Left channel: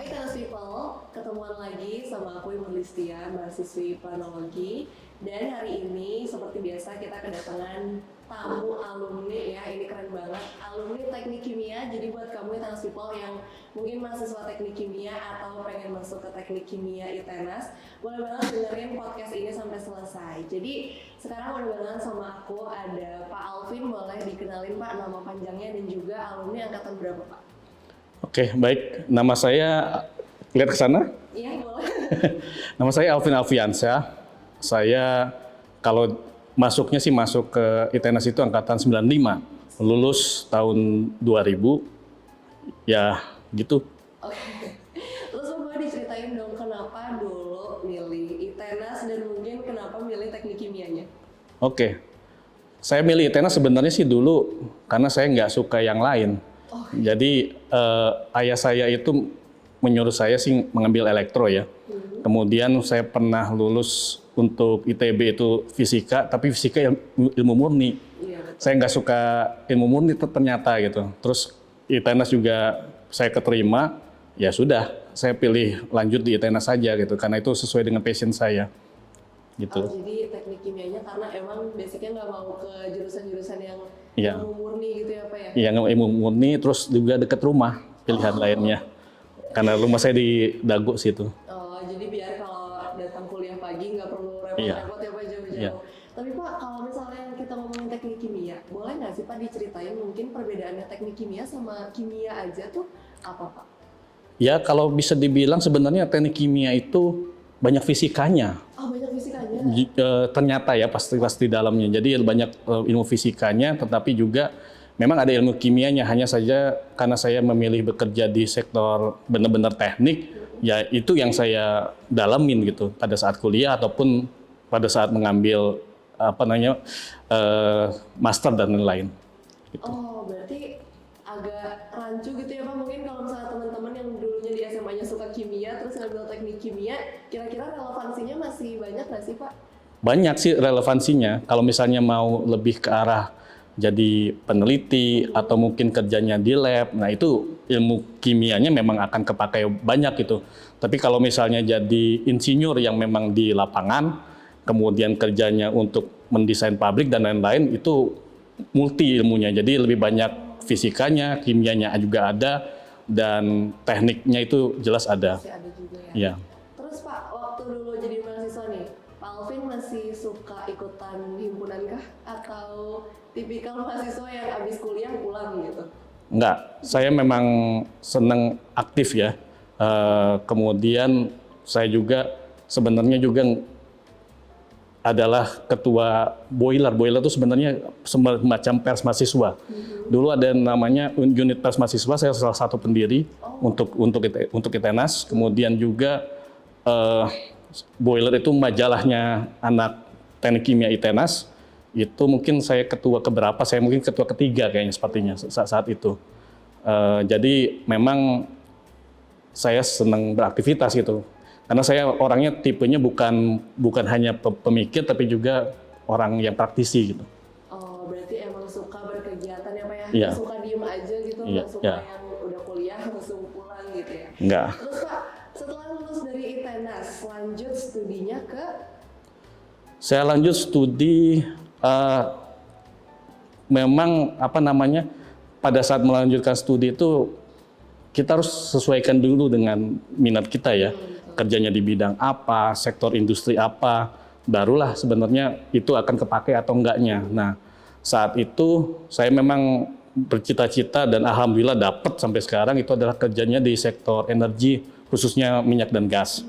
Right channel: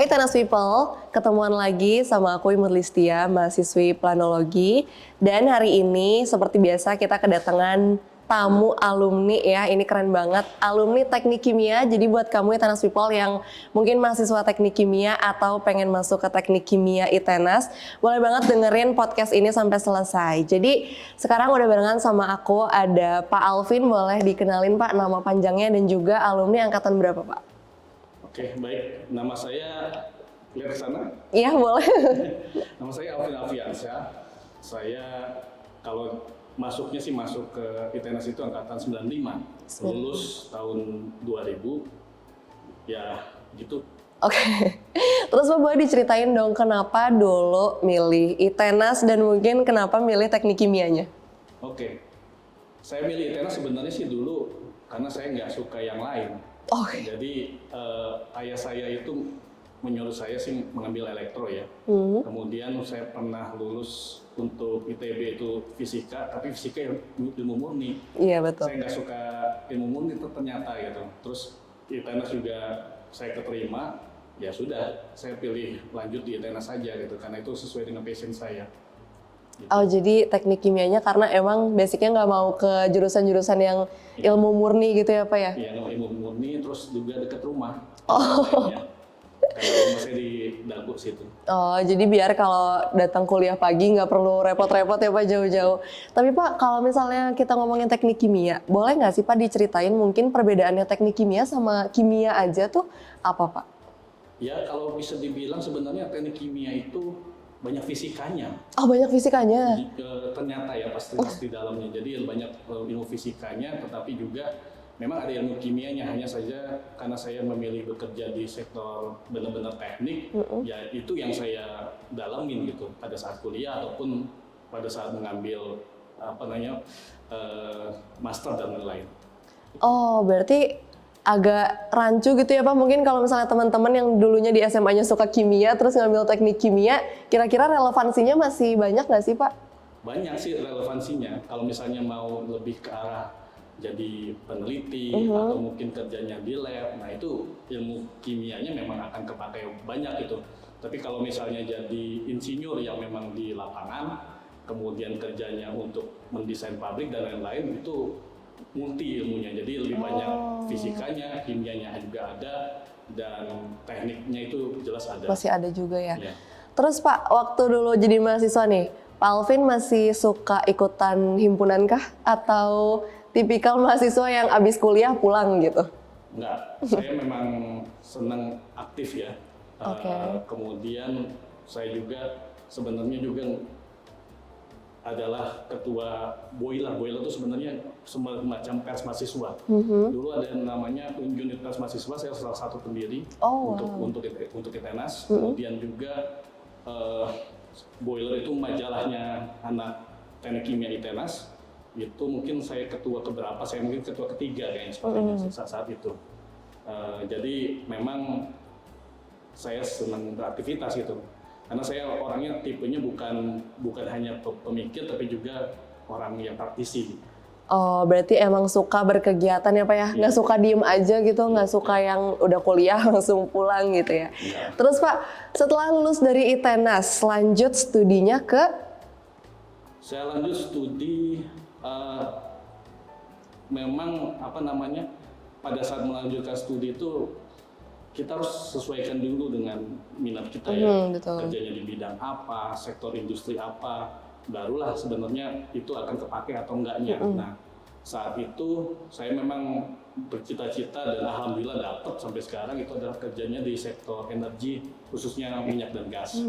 Hai Tenas People, ketemuan lagi sama aku Imut Listia, mahasiswi planologi. Dan hari ini seperti biasa kita kedatangan tamu alumni ya, ini keren banget. Alumni Teknik Kimia, jadi buat kamu ya Tenas People yang mungkin mahasiswa Teknik Kimia atau pengen masuk ke Teknik Kimia ITENAS, boleh banget dengerin podcast ini sampai selesai. Jadi sekarang udah barengan sama aku, ada Pak Alvin, boleh dikenalin Pak nama panjangnya dan juga alumni angkatan berapa Pak? Oke, baik. Nama saya, lihat ke sana. Iya, boleh. Nama saya Alvin Alfiansyah. Saya kalau masuknya sih masuk ke ITENAS itu angkatan 95. Lulus tahun 2000. Ya, gitu. Oke. Terus Pak boleh diceritain dong kenapa dulu milih ITENAS dan mungkin kenapa milih teknik kimianya? Oke. Saya milih ITENAS sebenarnya sih dulu karena saya nggak suka yang lain. Oh. Jadi ayah saya itu menyuruh saya sih mengambil elektro ya. Kemudian saya pernah lulus untuk ITB itu fisika, tapi fisika yang ilmu murni. Iya betul. Saya nggak suka ilmu murni ternyata gitu. Terus ITENAS juga saya keterima, ya sudah saya pilih lanjut di ITENAS saja gitu, karena itu sesuai dengan passion saya. Gitu. Oh jadi teknik kimianya karena emang basicnya nggak mau ke jurusan-jurusan yang ilmu murni gitu ya Pak ya? Iya, ilmu murni, terus juga dekat rumah pilihan lainnya. Karena rumah saya di Dago situ. Oh jadi biar kalau datang kuliah pagi nggak perlu repot-repot ya Pak jauh-jauh. Tapi Pak kalau misalnya kita ngomongin teknik kimia, boleh nggak sih Pak diceritain mungkin perbedaannya teknik kimia sama kimia aja tuh apa Pak? Ya kalau bisa dibilang sebenarnya teknik kimia itu banyak fisikanya. Oh banyak fisikanya? Ternyata ya pasti di dalamnya. Jadi banyak ilmu fisikanya, tetapi juga memang ada ilmu kimianya. Hanya saja karena saya memilih bekerja di sektor benar-benar teknik, ya itu yang saya dalamin gitu pada saat kuliah ataupun pada saat mengambil master dan lain-lain. Gitu. Oh berarti agak rancu gitu ya Pak, mungkin kalau misalnya teman-teman yang dulunya di SMA-nya suka kimia terus ngambil teknik kimia, kira-kira relevansinya masih banyak nggak sih Pak? Banyak sih relevansinya, kalau misalnya mau lebih ke arah jadi peneliti atau mungkin kerjanya di lab, nah itu ilmu kimianya memang akan kepakai banyak gitu. Tapi kalau misalnya jadi insinyur yang memang di lapangan, kemudian kerjanya untuk mendesain pabrik dan lain-lain, itu multi ilmunya, jadi lebih banyak fisikanya, kimianya juga ada, dan tekniknya itu jelas ada. Masih ada juga ya? Ya. Terus Pak, waktu dulu jadi mahasiswa nih, Pak Alvin masih suka ikutan himpunan kah? Atau tipikal mahasiswa yang abis kuliah pulang gitu? Enggak, saya memang senang aktif ya. Kemudian saya juga sebenarnya juga adalah ketua boiler. Boiler itu sebenarnya semacam pers mahasiswa. Dulu ada namanya unit pers mahasiswa, saya salah satu pendiri untuk ITENAS. Kemudian juga boiler itu majalahnya anak teknik kimia ITENAS. Itu mungkin saya ketua keberapa? Saya mungkin ketua ketiga kayaknya sepertinya saat itu. Jadi memang saya senang beraktivitas gitu. Karena saya orangnya tipenya bukan hanya pemikir, tapi juga orang yang praktisi gitu. Oh, berarti emang suka berkegiatan ya Pak ya? Nggak suka diem aja gitu, nggak suka yang udah kuliah langsung pulang gitu ya? Nggak. Terus Pak, setelah lulus dari ITENAS, lanjut studinya ke? Saya lanjut studi, memang pada saat melanjutkan studi itu, kita harus sesuaikan dulu dengan minat kita ya, kerjanya di bidang apa, sektor industri apa, barulah sebenarnya itu akan kepakai atau enggaknya. Nah, saat itu saya memang bercita-cita dan alhamdulillah dapat sampai sekarang itu adalah kerjanya di sektor energi, khususnya minyak dan gas.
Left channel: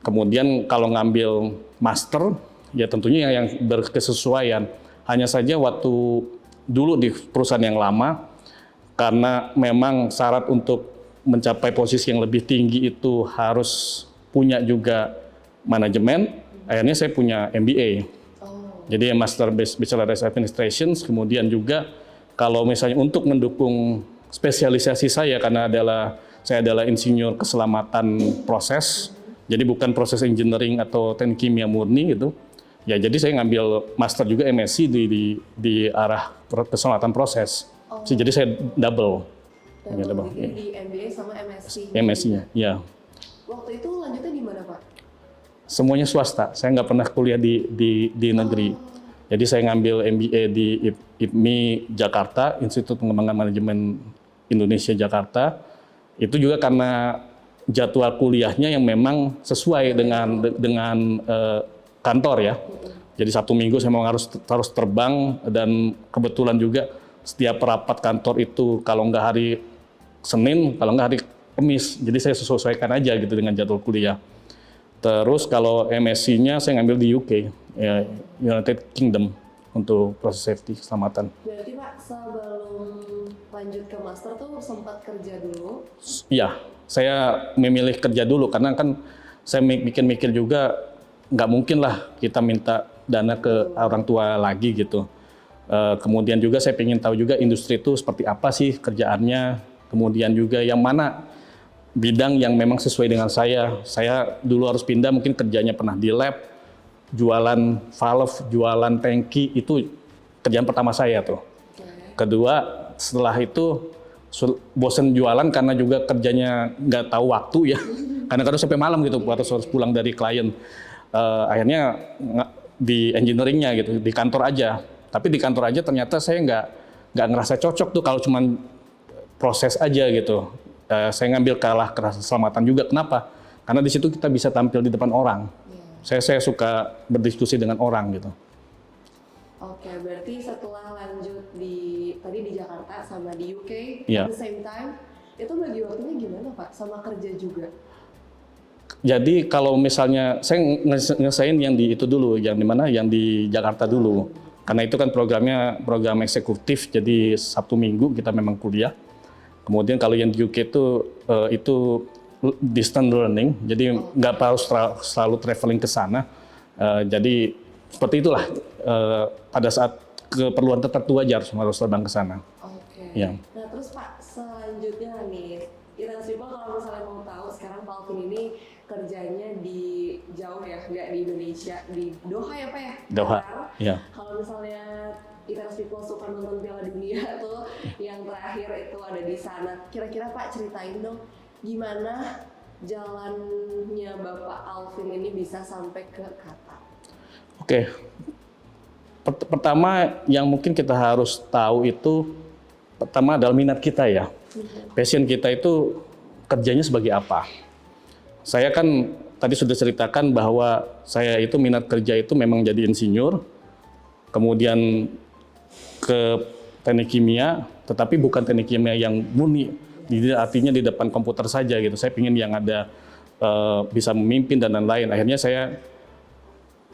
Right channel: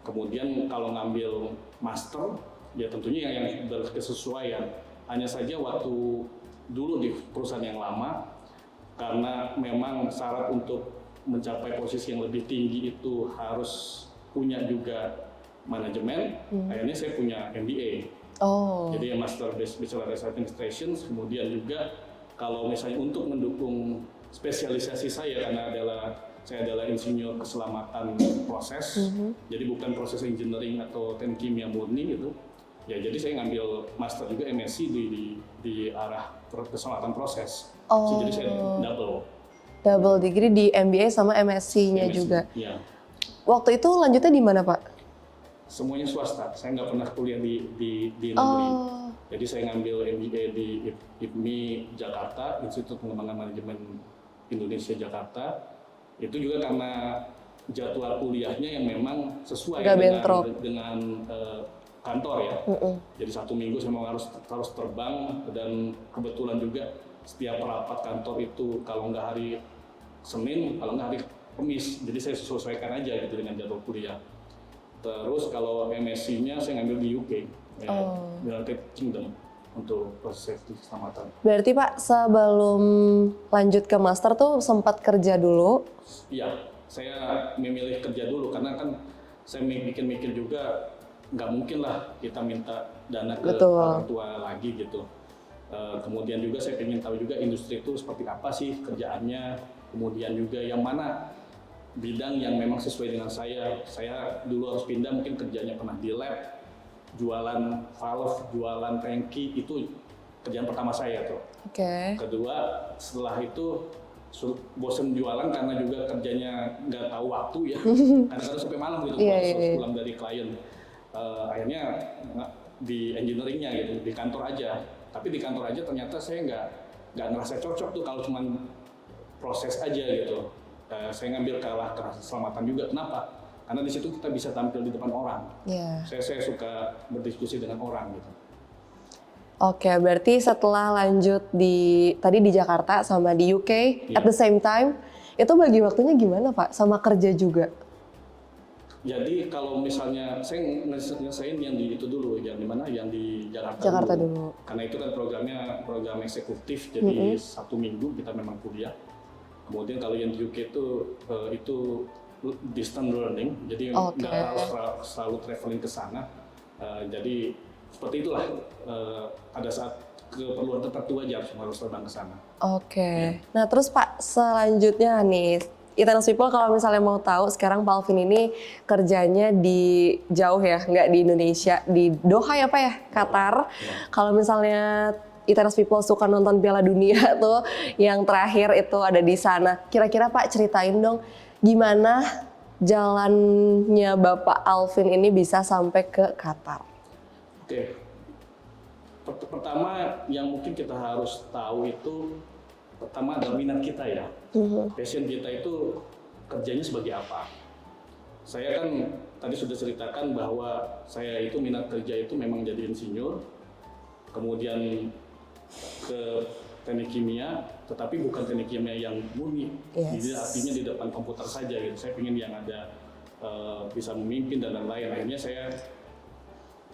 Kemudian kalau ngambil master, ya tentunya yang berkesesuaian. Hanya saja waktu dulu di perusahaan yang lama, karena memang syarat untuk mencapai posisi yang lebih tinggi itu harus punya juga manajemen. Akhirnya saya punya MBA. Jadi Master Bachelor of Administration. Kemudian juga kalau misalnya untuk mendukung spesialisasi saya, karena saya adalah insinyur keselamatan proses. Jadi bukan proses engineering atau teknik kimia murni gitu. Ya jadi saya ngambil master juga MSc di arah keselamatan proses. Jadi saya double. Double degree di MBA sama MSc-nya MSc, juga. ya. Waktu itu lanjutnya di mana, Pak? Semuanya swasta. Saya nggak pernah kuliah di negeri. Jadi saya ngambil MBA di IPMI Jakarta, Institut Pengembangan Manajemen Indonesia Jakarta. Itu juga karena jadwal kuliahnya yang memang sesuai dengan kantor ya. Jadi Sabtu Minggu saya memang harus terbang, dan kebetulan juga setiap rapat kantor itu kalau nggak hari Senin, kalau nggak hari Kamis. Jadi saya sesuaikan aja gitu dengan jadwal kuliah. Terus kalau MSc-nya saya ngambil di UK, ya, United Kingdom, untuk proses safety keselamatan. Berarti Pak sebelum lanjut ke master tuh sempat kerja dulu? Iya, saya memilih kerja dulu karena kan saya mikir juga nggak mungkin lah kita minta dana ke orang tua lagi gitu. Kemudian juga saya ingin tahu juga industri itu seperti apa sih kerjaannya, kemudian juga yang mana bidang yang memang sesuai dengan saya. Saya dulu harus pindah, mungkin kerjanya pernah di lab, jualan valve, jualan tangki, itu kerjaan pertama saya tuh. Kedua, setelah itu bosen jualan karena juga kerjanya nggak tahu waktu ya, kadang-kadang sampai malam gitu, harus pulang dari klien. Akhirnya di engineeringnya gitu, di kantor aja. Tapi di kantor aja ternyata saya nggak ngerasa cocok tuh kalau cuman proses aja gitu. Saya ngambil keselamatan juga. Kenapa? Karena di situ kita bisa tampil di depan orang. Saya suka berdiskusi dengan orang gitu. Oke, berarti setelah lanjut tadi di Jakarta sama di UK, at the same time, itu bagi waktunya gimana Pak? Sama kerja juga? Jadi kalau misalnya saya ngesain yang di itu dulu, yang di mana? Yang di Jakarta dulu. Karena itu kan program eksekutif, jadi Sabtu Minggu kita memang kuliah. Kemudian kalau yang di UK itu distance learning, jadi nggak harus selalu traveling ke sana. Jadi seperti itulah, pada saat keperluan tertentu aja harus terbang ke sana. Nah terus Pak, selanjutnya nih, Itenas People kalau misalnya mau tahu, sekarang Pak Alvin ini kerjanya di jauh ya, nggak di Indonesia, di Doha ya Pak ya, Qatar. Kalau misalnya Itenas People suka nonton Piala Dunia tuh, yang terakhir itu ada di sana. Kira-kira Pak ceritain dong, gimana jalannya Bapak Alvin ini bisa sampai ke Qatar? Pertama yang mungkin kita harus tahu itu, pertama adalah minat kita ya. Passion kita itu kerjanya sebagai apa. Saya kan tadi sudah ceritakan bahwa saya itu minat kerja itu memang jadi insinyur, kemudian ke teknik kimia, tetapi bukan teknik kimia yang murni. Jadi artinya di depan komputer saja gitu. Saya ingin yang ada bisa memimpin dan lain-lain. Akhirnya saya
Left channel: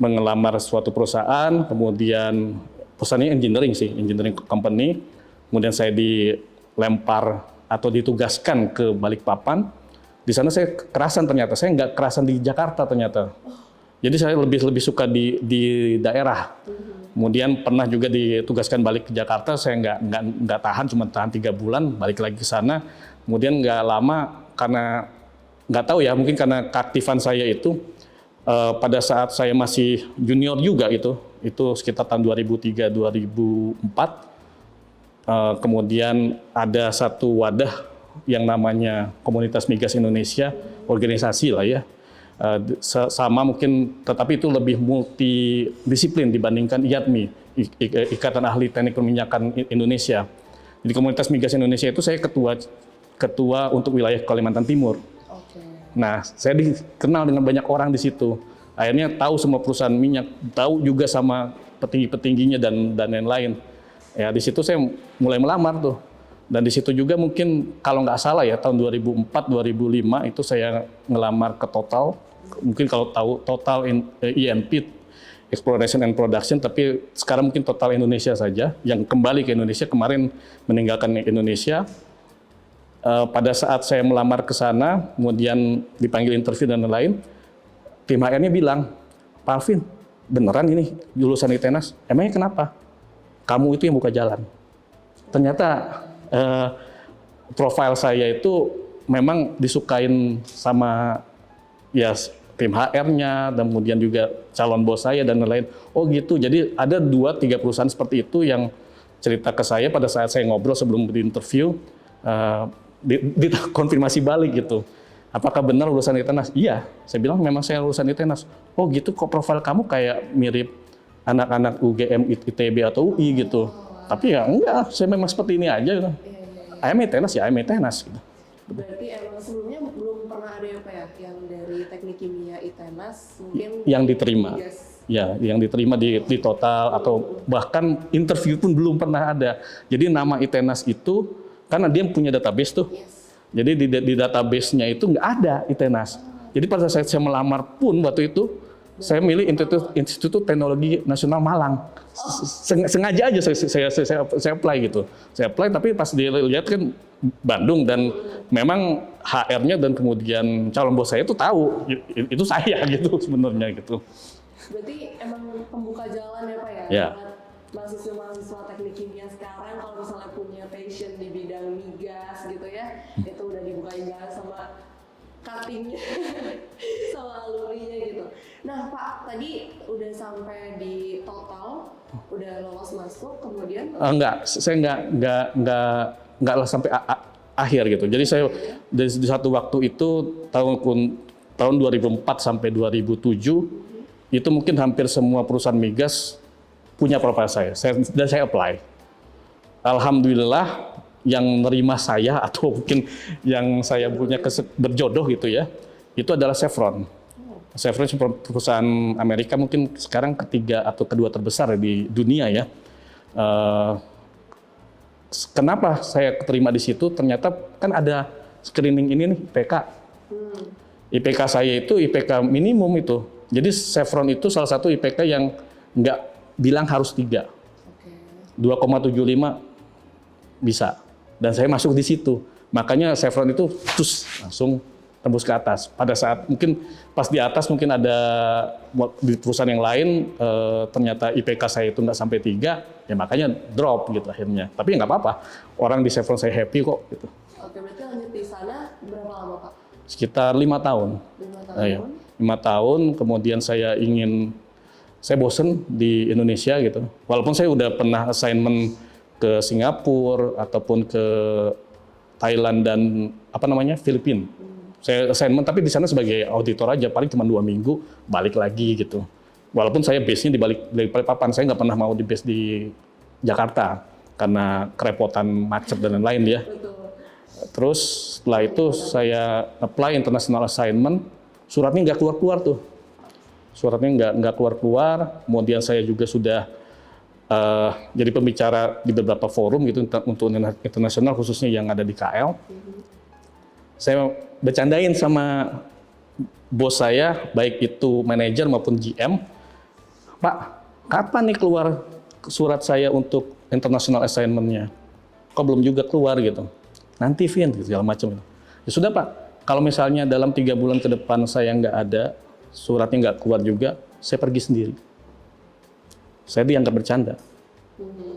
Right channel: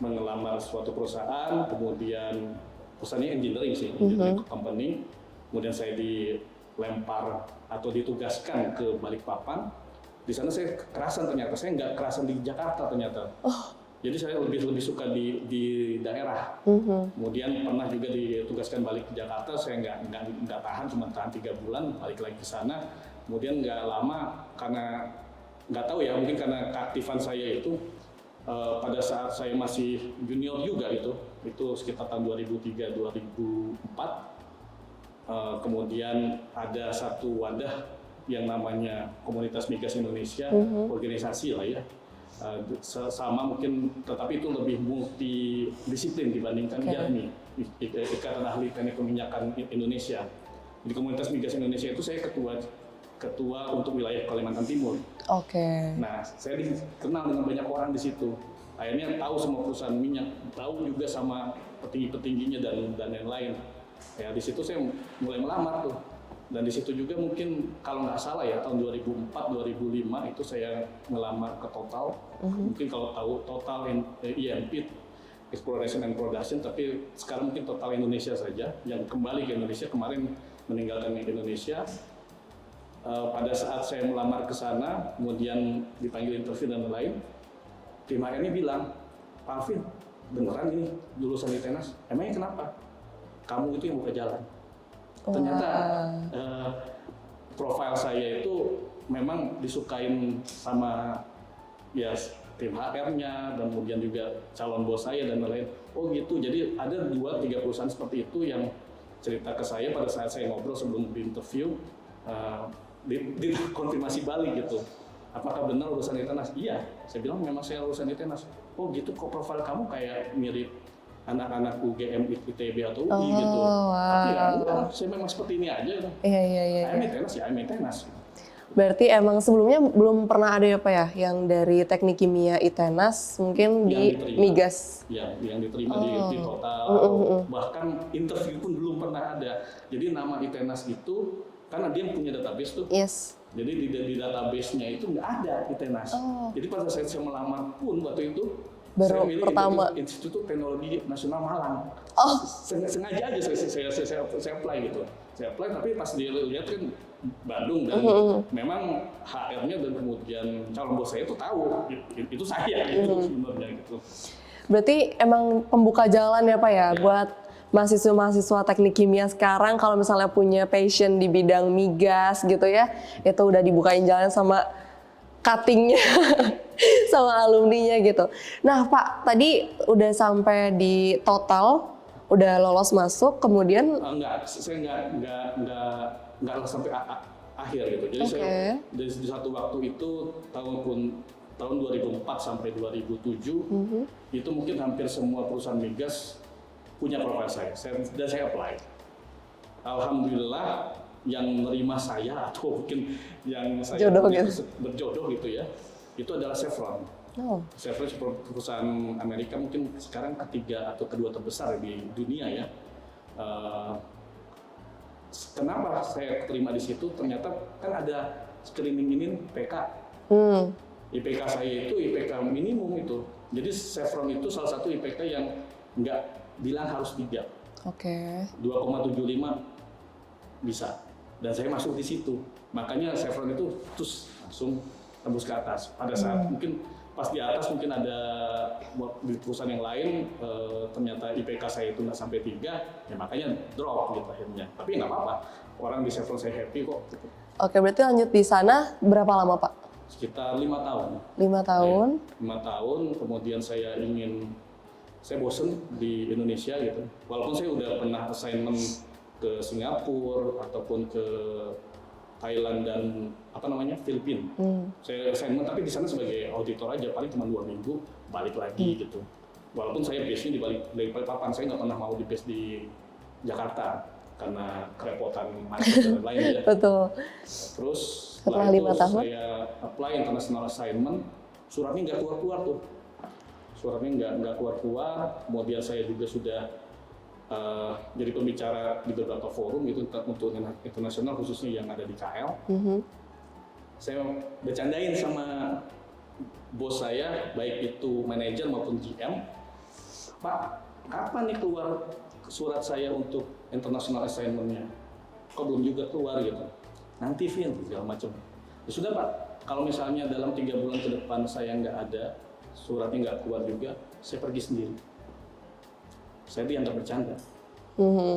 mengelamar suatu perusahaan, kemudian perusahaannya engineering sih, engineering company. Kemudian saya dilempar atau ditugaskan ke Balikpapan. Di sana saya kerasan ternyata. Saya nggak kerasan di Jakarta ternyata. Jadi saya lebih suka di daerah. Kemudian pernah juga ditugaskan balik ke Jakarta, saya nggak tahan, cuma tahan 3 bulan, balik lagi ke sana. Kemudian nggak lama, karena nggak tahu ya, mungkin karena keaktifan saya itu pada saat saya masih junior juga itu sekitar tahun 2003-2004. Kemudian ada satu wadah yang namanya Komunitas Migas Indonesia, organisasi lah ya. Sama mungkin, tetapi itu lebih multidisiplin dibandingkan IATMI, Ikatan Ahli Teknik Perminyakan Indonesia. Di Komunitas Migas Indonesia itu saya ketua untuk wilayah Kalimantan Timur. Nah, saya dikenal dengan banyak orang di situ. Akhirnya tahu semua perusahaan minyak, tahu juga sama petinggi-petingginya dan lain-lain. Ya, di situ saya mulai melamar tuh. Dan di situ juga mungkin kalau nggak salah ya tahun 2004-2005 itu saya ngelamar ke Total. Mungkin kalau tahu Total E&P, Exploration and Production, tapi sekarang mungkin Total Indonesia saja yang kembali ke Indonesia, kemarin meninggalkan Indonesia. Pada saat saya melamar ke sana, kemudian dipanggil interview dan lain-lain, tim HR-nya bilang, Pak Alvin, beneran ini lulusan Itenas? Emangnya kenapa? Kamu itu yang buka jalan. Ternyata profil saya itu memang disukain sama ya tim HR-nya, dan kemudian juga calon bos saya dan lain-lain. Oh gitu, jadi ada 2-3 perusahaan seperti itu yang cerita ke saya pada saat saya ngobrol sebelum di interview. konfirmasi balik gitu. Apakah benar lulusan ITENAS? Iya, saya bilang memang saya lulusan ITENAS. Oh gitu, kok profil kamu kayak mirip anak-anak UGM, ITB atau UI gitu. wow. Tapi ya enggak, saya memang seperti ini aja gitu. Iya. I'm ITENAS ya, I'm ITENAS. Gitu. Berarti emang sebelumnya belum pernah ada apa ya yang dari teknik kimia ITENAS mungkin Yang di diterima. migas. Ya, yang diterima di total atau bahkan interview pun belum pernah ada. Jadi nama ITENAS itu karena dia punya database tuh. Yes. Jadi di database-nya itu nggak ada ITENAS. Jadi pada saat saya melamar pun waktu itu saya milih Institut Teknologi Nasional Malang. Sengaja aja saya apply gitu. Saya apply tapi pas dilihat kan Bandung dan memang HR-nya dan kemudian calon bos saya itu tahu itu saya gitu sebenarnya gitu. Berarti emang pembuka jalan ya Pak ya Ya. buat mahasiswa-mahasiswa teknik kimia sekarang kalau misalnya punya passion di bidang migas gitu ya, itu udah dibukain jalan sama cuttingnya sama alumninya gitu. Nah Pak, tadi udah sampai di total, udah lolos masuk, kemudian Saya nggak sampai akhir gitu. Jadi saya di satu waktu itu tahun 2004 sampai 2007 itu mungkin hampir semua perusahaan migas punya profil dan saya apply. Alhamdulillah yang nerima saya atau mungkin yang saya punya berjodoh gitu ya, itu adalah Chevron. Chevron perusahaan Amerika mungkin sekarang ketiga atau kedua terbesar di dunia ya. Kenapa saya keterima di situ? Ternyata kan ada screening ini nih, IPK. IPK saya itu IPK minimum itu. Jadi Chevron itu salah satu IPK yang nggak bilang harus 3. 2,75 bisa. Dan saya masuk di situ. Makanya Chevron itu langsung tembus ke atas. Pada saat mungkin pas di atas mungkin ada di perusahaan yang lain ternyata IPK saya itu nggak sampai 3, ya makanya drop gitu akhirnya. Tapi nggak apa-apa. Orang di Chevron saya happy kok gitu. Oke, berarti lanjut di sana berapa lama Pak? Sekitar 5 tahun. 5 tahun. 5 tahun, kemudian saya bosen di Indonesia gitu. Walaupun saya udah pernah assignment ke Singapura ataupun ke Thailand dan Filipina. Saya assignment tapi di sana sebagai auditor aja, paling cuma 2 minggu balik lagi gitu. Walaupun saya base-nya di Balikpapan, saya nggak pernah mau di base di Jakarta karena kerepotan macet dan lain-lain ya. Betul. Terus setelah itu saya apply international assignment, suratnya nggak keluar-keluar tuh. Suratnya nggak keluar-keluar. Kemudian saya juga sudah jadi pembicara di beberapa forum gitu untuk internasional khususnya yang ada di KL. Saya bercandain sama bos saya, baik itu manajer maupun GM, Pak, kapan nih keluar surat saya untuk international assignment-nya? Kok belum juga keluar gitu? Nanti Vin, segala macam. Ya sudah Pak, kalau misalnya dalam 3 bulan ke depan saya nggak ada, suratnya nggak keluar juga, saya pergi sendiri. Saya dianggap bercanda.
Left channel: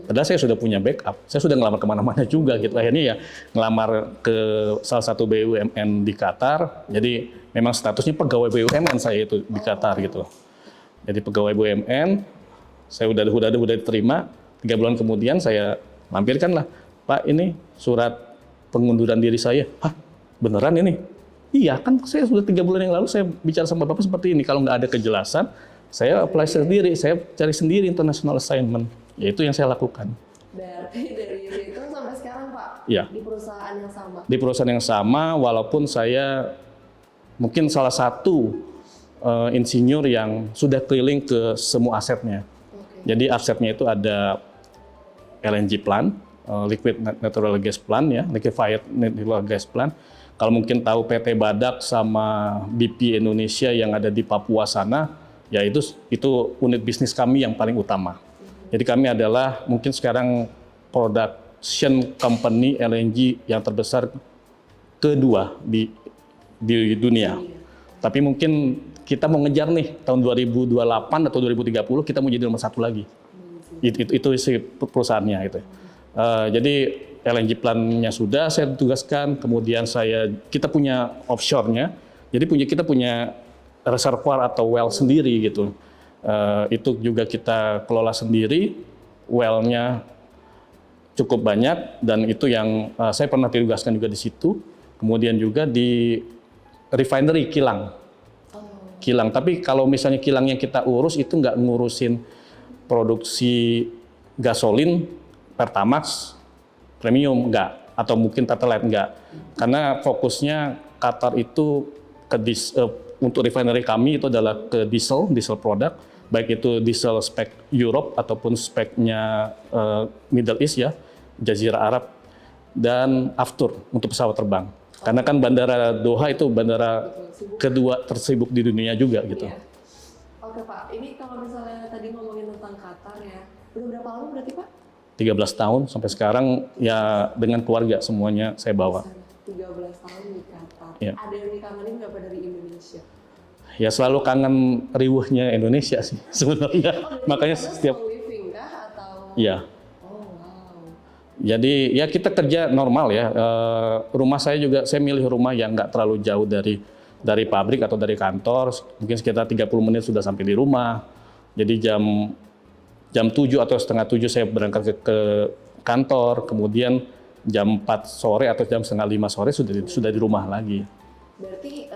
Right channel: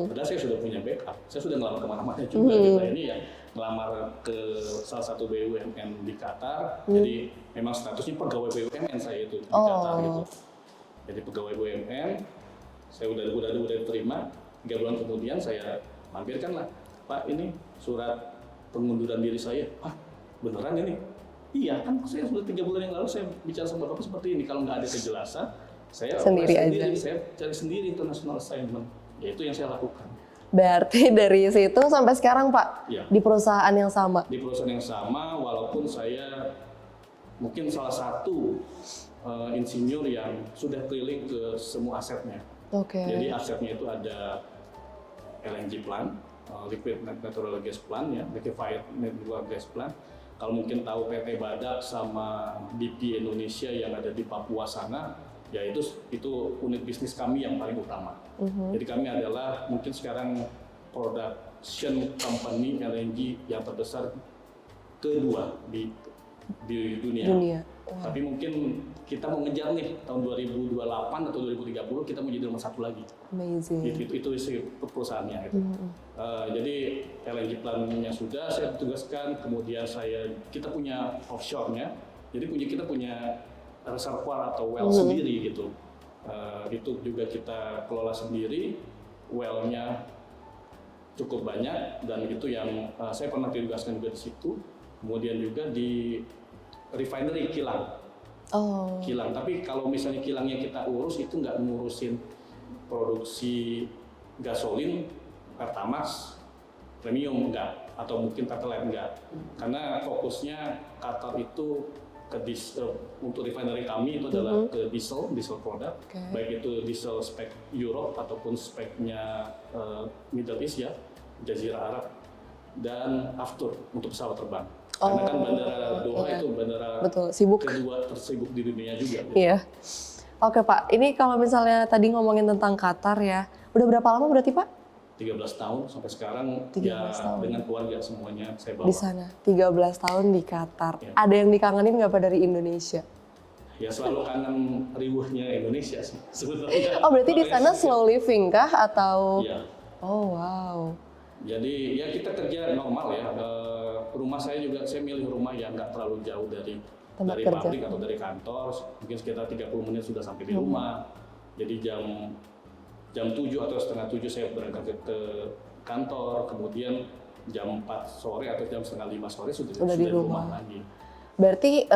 Padahal saya sudah punya backup, saya sudah ngelamar kemana-mana juga gitu. Akhirnya ya ngelamar ke salah satu BUMN di Qatar. Jadi memang statusnya pegawai BUMN saya itu di Qatar gitu. Jadi pegawai BUMN, saya udah diterima. 3 bulan kemudian saya mampirkan lah, Pak ini surat pengunduran diri saya. Hah, beneran ini? Iya kan saya sudah 3 bulan yang lalu saya bicara sama Bapak seperti ini. Kalau nggak ada kejelasan, saya apply sendiri, saya cari sendiri international assignment. Ya itu yang saya lakukan. Berarti dari situ sampai sekarang Pak, ya, di perusahaan yang sama? Di perusahaan yang sama, walaupun saya mungkin salah satu insinyur yang sudah keliling ke semua asetnya. Jadi asetnya itu ada LNG plant, liquid natural gas plant ya, liquefied natural gas plant. Kalau mungkin tahu PT Badak sama BP Indonesia yang ada di Papua sana, ya itu unit bisnis kami yang paling utama. Jadi kami adalah mungkin sekarang production company LNG yang terbesar kedua di dunia. Tapi mungkin kita mau ngejar nih tahun 2028 atau 2030 kita mau jadi nomor 1 lagi. Itu isi perusahaannya gitu. Jadi LNG plant-nya sudah saya tugaskan, kemudian kita punya offshore-nya. Jadi kita punya reservoir atau well sendiri gitu. Itu juga kita kelola sendiri. Well-nya cukup banyak, dan itu yang saya pernah ditugaskan juga di situ. Kemudian juga di refinery kilang. Oh. Kilang, tapi kalau misalnya kilang yang kita urus itu nggak ngurusin produksi gasolin, Pertamax, premium nggak, atau mungkin Pertalite nggak. Karena fokusnya Qatar itu untuk refinery kami itu adalah ke diesel produk, baik itu diesel spek Europe ataupun speknya Middle East ya, Jazirah Arab, dan aftur untuk pesawat terbang. Karena kan bandara Doha itu bandara Betul, sibuk. kedua tersibuk di dunia juga gitu. Iya. Oke Pak, ini kalau misalnya tadi ngomongin tentang Qatar ya, udah berapa lama berarti Pak? 13 tahun sampai sekarang 13 ya tahun. dengan keluarga semuanya saya Di bawa. sana, 13 tahun di Qatar. Iya. Ada yang dikangenin nggak Pak dari Indonesia? Ya selalu kangen riuhnya Indonesia sih sebenarnya. Oh berarti di Makanya sana setiap- slow living kah atau? Iya. Oh wow. Jadi ya kita kerja normal ya. Rumah saya juga, saya milih rumah yang nggak terlalu jauh dari kerja. pabrik atau dari kantor. Mungkin sekitar 30 menit sudah sampai di rumah. Jadi jam 7 atau setengah 7 saya berangkat ke kantor. Kemudian jam 4 sore atau jam setengah 5 sore sudah di rumah lagi. Berarti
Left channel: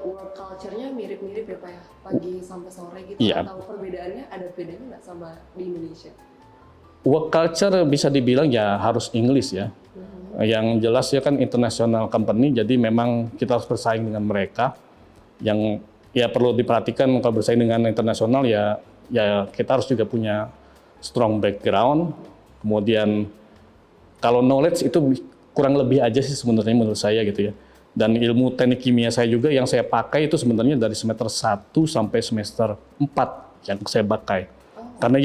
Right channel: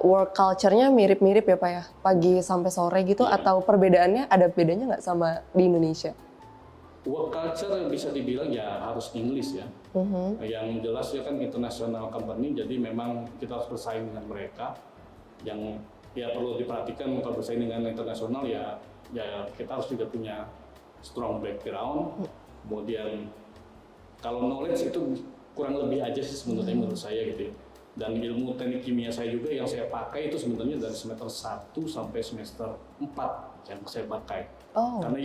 work culture-nya mirip-mirip ya Pak ya? Pagi sampai sore gitu, Iya. atau perbedaannya ada bedanya nggak sama di Indonesia? Work culture bisa dibilang ya harus English ya. Yang jelas ya kan international company, jadi memang kita harus bersaing dengan mereka. Yang ya perlu diperhatikan kalau bersaing dengan internasional ya kita harus juga punya strong background. Kemudian kalau knowledge itu kurang lebih aja sih sebenarnya menurut saya gitu ya. Dan ilmu teknik kimia saya juga yang saya pakai itu sebenarnya dari semester 1 sampai semester 4 yang saya pakai. Oh. Karena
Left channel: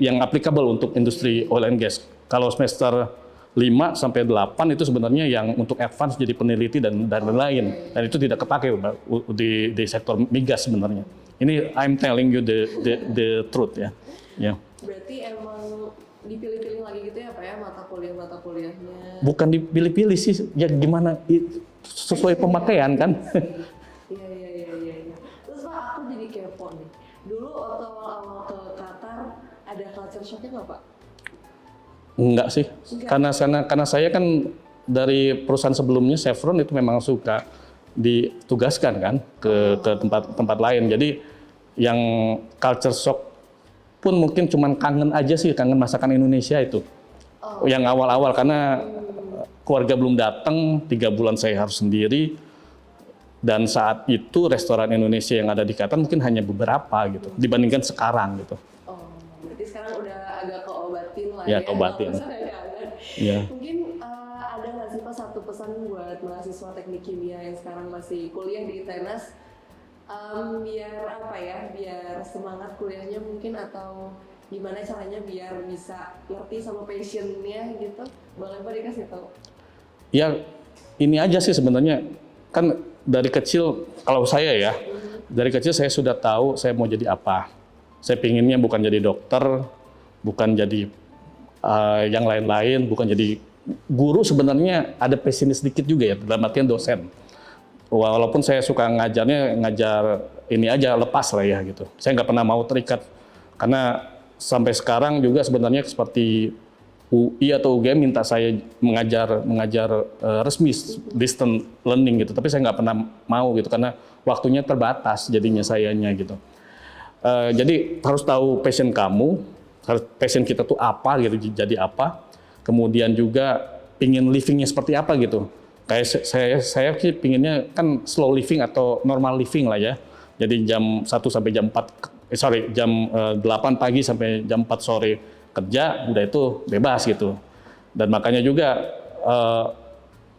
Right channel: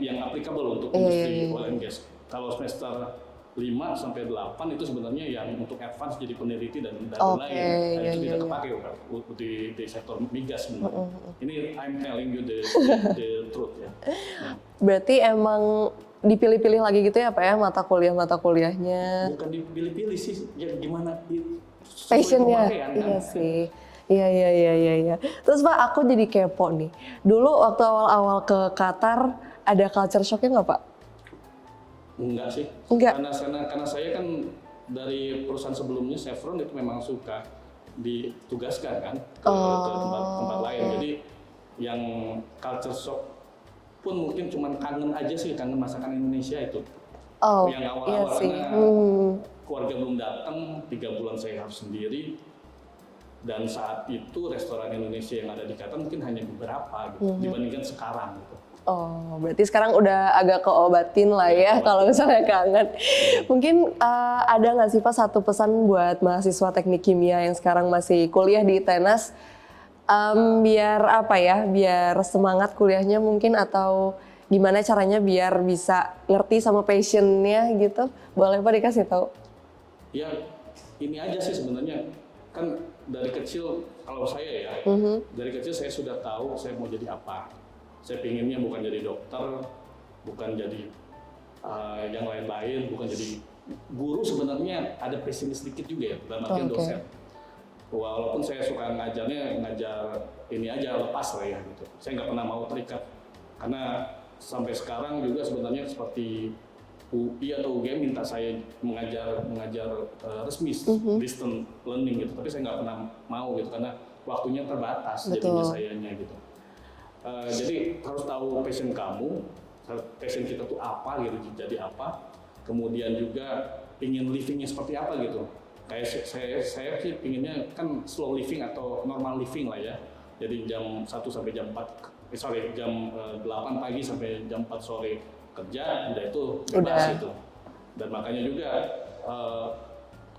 yang applicable untuk industri oil and gas. Kalau semester 5 sampai 8 itu sebenarnya yang untuk advance jadi peneliti dan lain. Dan itu tidak kepakai di sektor migas sebenarnya. Ini I'm telling you the truth ya. Ya. Berarti emang dipilih-pilih lagi gitu ya Pak ya mata kuliahnya? Bukan dipilih-pilih sih, ya gimana sesuai Passion-nya. pemakaian kan. Iya sih. Iya. Terus Pak, aku jadi kepo nih. Dulu waktu awal-awal ke Qatar, ada culture shock-nya nggak Pak? Enggak sih. Enggak. Karena saya kan dari perusahaan sebelumnya Chevron itu memang suka ditugaskan kan ke tempat lain. Jadi yang culture shock pun mungkin cuman kangen aja sih, kangen masakan Indonesia itu. Oh, yang awal-awal iya sih. karena keluarga belum datang, 3 bulan saya harus sendiri. Dan saat itu restoran Indonesia yang ada di Qatar mungkin hanya beberapa gitu dibandingkan sekarang gitu. Oh, berarti sekarang udah agak keobatin lah Ya, ya keobatin. kalau misalnya kangen. Iya. Mungkin ada nggak sih Pak satu pesan buat mahasiswa teknik kimia yang sekarang masih kuliah di Tenas, biar apa ya, biar semangat kuliahnya mungkin, atau gimana caranya biar bisa ngerti sama passionnya gitu? Boleh Pak dikasih tahu? Ya ini aja sih sebenarnya, kan dari kecil kalau saya ya, dari kecil saya sudah tahu saya mau jadi apa. Saya pinginnya bukan jadi dokter, bukan jadi yang lain-lain, bukan jadi guru. Sebenarnya ada passionnya sedikit juga ya, dalam artian dosen. Walaupun saya suka ngajar ini aja lepas lah ya gitu. Saya nggak pernah mau terikat, karena sampai sekarang juga sebenarnya seperti UI atau UGM minta saya mengajar resmi distance learning gitu, tapi saya nggak pernah mau gitu karena waktunya terbatas. Jadinya sayanya gitu. Jadi harus tahu passion kamu, passion kita tuh apa gitu, jadi apa. Kemudian juga pingin livingnya seperti apa gitu. Kayak saya sih pinginnya kan slow living atau normal living lah ya. Jadi jam 1 sampai jam 4, jam 8 pagi sampai jam 4 sore kerja, udah itu bebas gitu. Dan makanya juga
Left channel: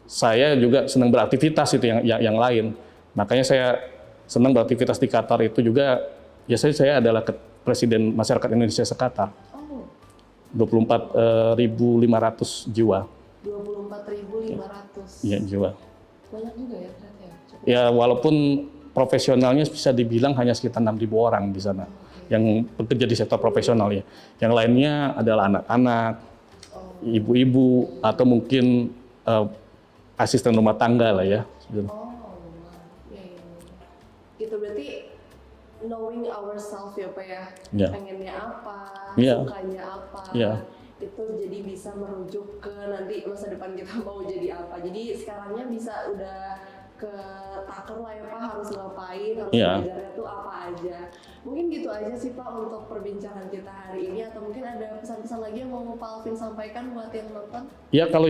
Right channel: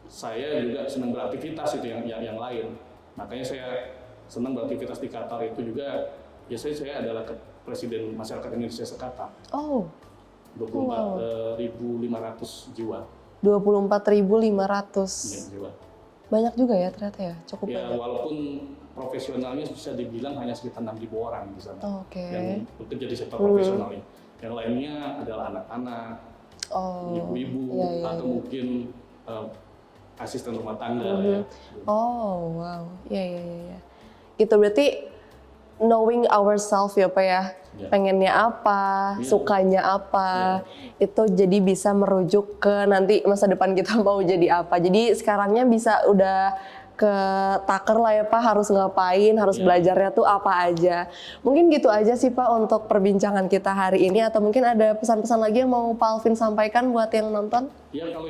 saya juga senang beraktivitas itu yang lain. Makanya saya senang beraktivitas di Qatar itu juga. Biasanya saya adalah Presiden Masyarakat Indonesia se-Qatar. Oh. 24.500 jiwa. 24.500. Iya, jiwa. Banyak juga ya ternyata ya, cukup. Ya walaupun profesionalnya bisa dibilang hanya sekitar 6.000 orang di sana. Oke. Yang bekerja di sektor profesional ya. Yang lainnya adalah anak-anak, ibu-ibu, atau mungkin asisten rumah tangga lah ya. Oh, wow. Iya. Itu berarti knowing ourselves ya Pak ya, Ya. pengennya apa, Ya. sukanya apa, Ya. itu jadi bisa merujuk ke nanti masa depan kita mau jadi apa. Jadi sekarangnya bisa udah ke taker lah ya Pak, harus ngapain, harus Ya. belajarnya tuh apa aja. Mungkin gitu aja sih Pak untuk perbincangan kita hari ini, atau mungkin ada pesan-pesan lagi yang mau Pak Alvin sampaikan buat yang nonton? Ya kalau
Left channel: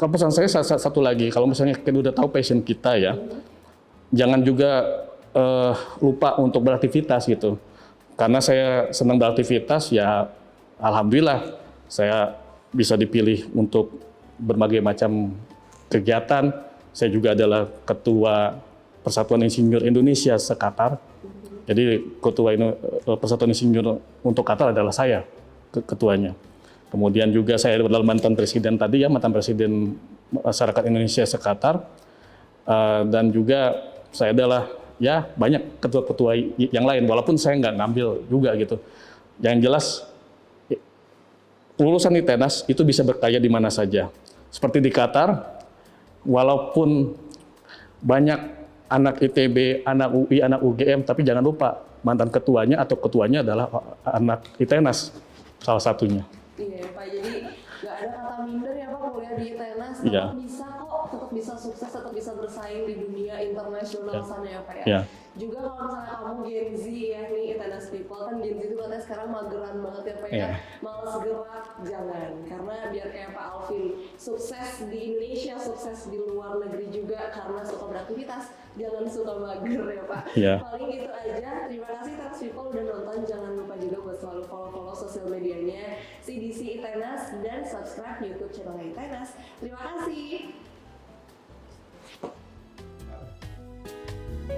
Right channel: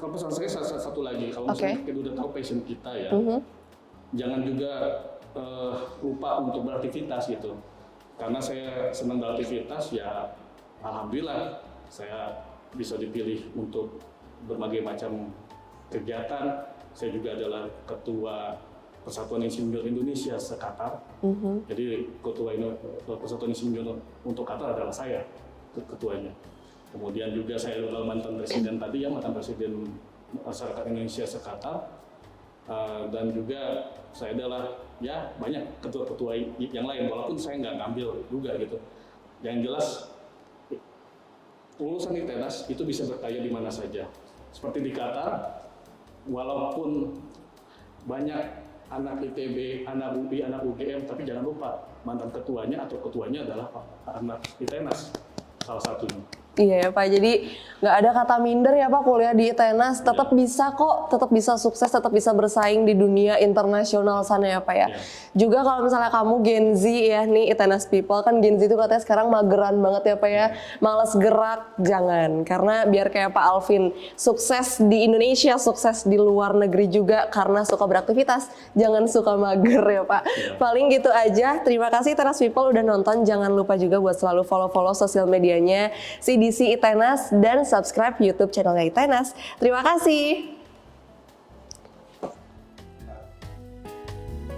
pesan saya satu lagi, kalau misalnya kita udah tahu passion kita ya, jangan juga lupa untuk beraktivitas gitu. Karena saya senang beraktivitas ya, alhamdulillah saya bisa dipilih untuk berbagai macam kegiatan. Saya juga adalah ketua Persatuan Insinyur Indonesia se-Qatar. Jadi ketua Persatuan Insinyur untuk Qatar adalah saya ketuanya. Kemudian juga saya adalah mantan presiden tadi ya, mantan presiden masyarakat Indonesia se-Qatar. Dan juga saya adalah ya banyak ketua-ketua yang lain, walaupun saya nggak ngambil juga gitu. Yang jelas lulusan ITENAS itu bisa berkarya di mana saja. Seperti di Qatar, walaupun banyak anak ITB, anak UI, anak UGM, tapi jangan lupa mantan ketuanya atau ketuanya adalah anak ITENAS salah satunya. Iya ya Pak, jadi nggak ada kata minder ya Pak, kuliah di ITENAS tetap Iya. bisa kok, tetap bisa sukses, tetap bisa bersaing di dunia internasional sana ya Pak ya. Iya. Juga kalau misalnya kamu Gen Z ya nih, ITENAS people kan Gen Z itu katanya sekarang mageran banget ya Pak ya, Iya. males gerak, jangan. Karena biar kayak Pak Alvin sukses di Indonesia, sukses di luar negeri juga karena suka beraktivitas, jangan suka mager ya Pak. Iya. Paling gitu aja, terima kasih ITENAS people udah nonton, jangan lupa juga buat selalu follow-follow sosial medianya CDC ITENAS dan subscribe YouTube channelnya ITENAS. Terima kasih.